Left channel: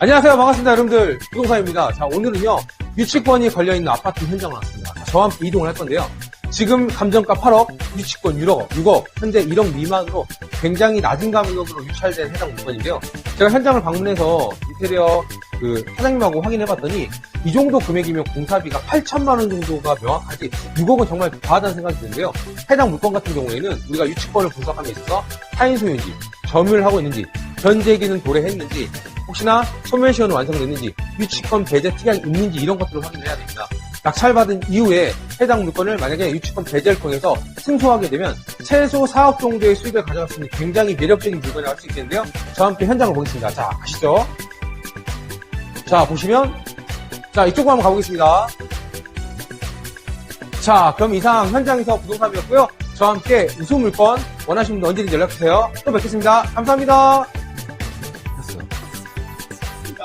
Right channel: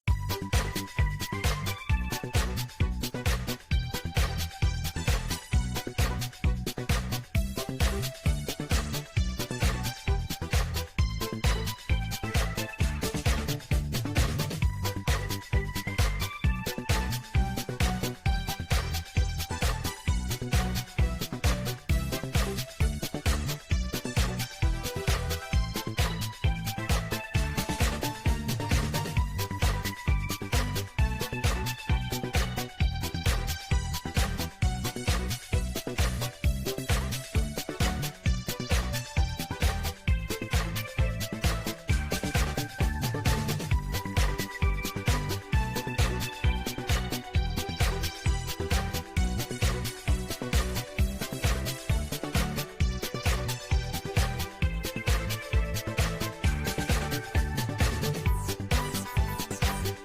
안녕하세요. 반갑습니다. 여러분들. 부동산입니다. 자, 오늘은요, 유치권이 걸려있는 아파트 현장을 왔습니다. 자, 저와 함께 이동을 할 건데요. 지금 감정가 8억, 유치권 6억, 6억, 현재 1억 미만으로 굉장히 낮은 가격으로 유찰된 해당 물건인데요. 제가 현장을 방문해서 인테리어 그 사장님하고 확인해봤더니 이 정도 금액이면 공사비가 8천만 원 정도가 명확하지 6억은 정말 과하다는 생각이 드는데요. 해당 물건 같은 경우에는 우리가 유치권을 분석함에 있어서 타인 소유인지, 점유를 하고 있는지, 현재기는 도래했는지, 혹시나 소멸시효는 완성됐는지, 유치권 배제 특약이 있는지 이런 것들을 확인해야 됩니다. 낙찰받은 이후에 해당 물건을 만약에 유치권 배제를 통해서 승소하게 되면 최소 4억 정도의 수익을 가져갈 수 있는 굉장히 매력적인 물건이라고 할 수 있겠는데요. 저와 함께 현장을 보겠습니다. 자, 가시죠. 자, 보시면 자, 이쪽으로 한번 가보겠습니다. 자, 그럼 이상 현장에서 부동산이었고요. 저와 함께 우수 물건 원하시는 분 언제든지 연락주세요. 또 뵙겠습니다. 감사합니다.